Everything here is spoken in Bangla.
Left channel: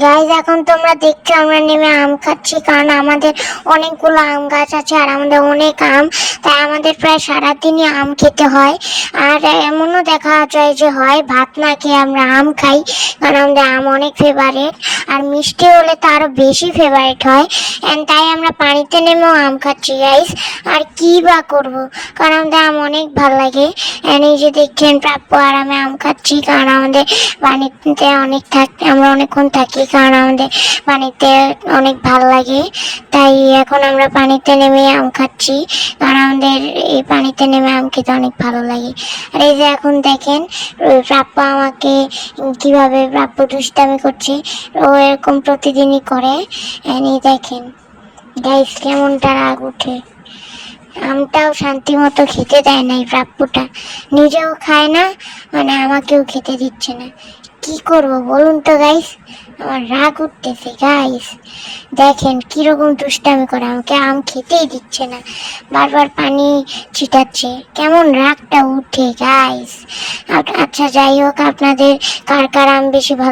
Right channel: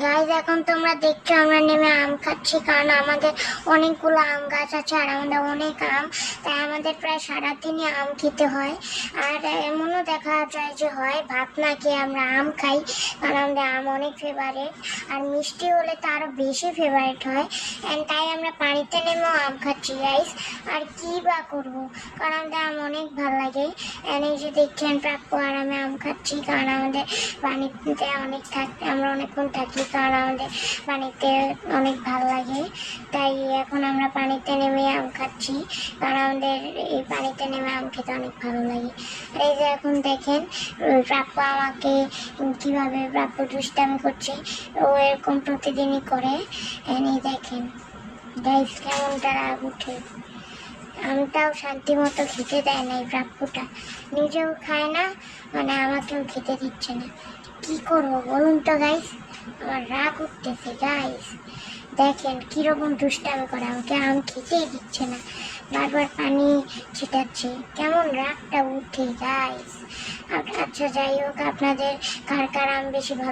গাইজ এখন তোমরা দেখছো আমরা নেমে আম খাচ্ছি, কারণ আমাদের অনেকগুলো আম গাছ আছে আর আমাদের অনেক আম, তাই আমাদের প্রায় সারাদিনই আম খেতে হয়। আর এমনও দেখা যায় যে হয় ভাত না খেয়ে আমরা আম খাই, কারণ আমাদের আম অনেক ফেভারিট। আর মিষ্টি হলে তো আরো বেশি ফেভারিট হয়, এন্ড তাই আমরা পানিতে নেমেও আম খাচ্ছি গাইজ। আর কি বা করবো, কারণ আমাদের আম অনেক ভালো লাগে। এন্ড এই যে দেখছেন প্রাপ্য আর আমি আম খাচ্ছি, কারণ আমাদের পানিতে অনেক আমরা অনেকক্ষণ থাকি, কারণ আমাদের পানিতে অনেক ভালো লাগে। তাই এখন আমরা পানিতে নেমে আম খাচ্ছি, কারণ আমাদের এই পানিতে নেমে আম খেতে অনেক ভালো লাগে। আর এই যে এখন দেখেন প্রাপ্য আমাকে কিভাবে প্রাপ্য দুষ্টামি করছে, ও এরকম প্রতিদিনই করে। এই দেখেন গাইস কেমনটা রাগ উঠে, আমটাও শান্তি মতো খেতে দেয় না এই প্রাপ্যটা, নিজেও খায় না, মানে আমাকেও খেতে দিচ্ছে না। কি করব বলুন তো গাইস, আমার রাগ উঠতেছে গাইস। দেখেন কিরকম দুষ্টামি করে, আমাকে আম খেতেই দিচ্ছে না, বারবার পানি ছিটাচ্ছে, কেমন রাগটা উঠে গাইস। আচ্ছা যাই হোক, আপনাদের কার কার আম বেশি ভালো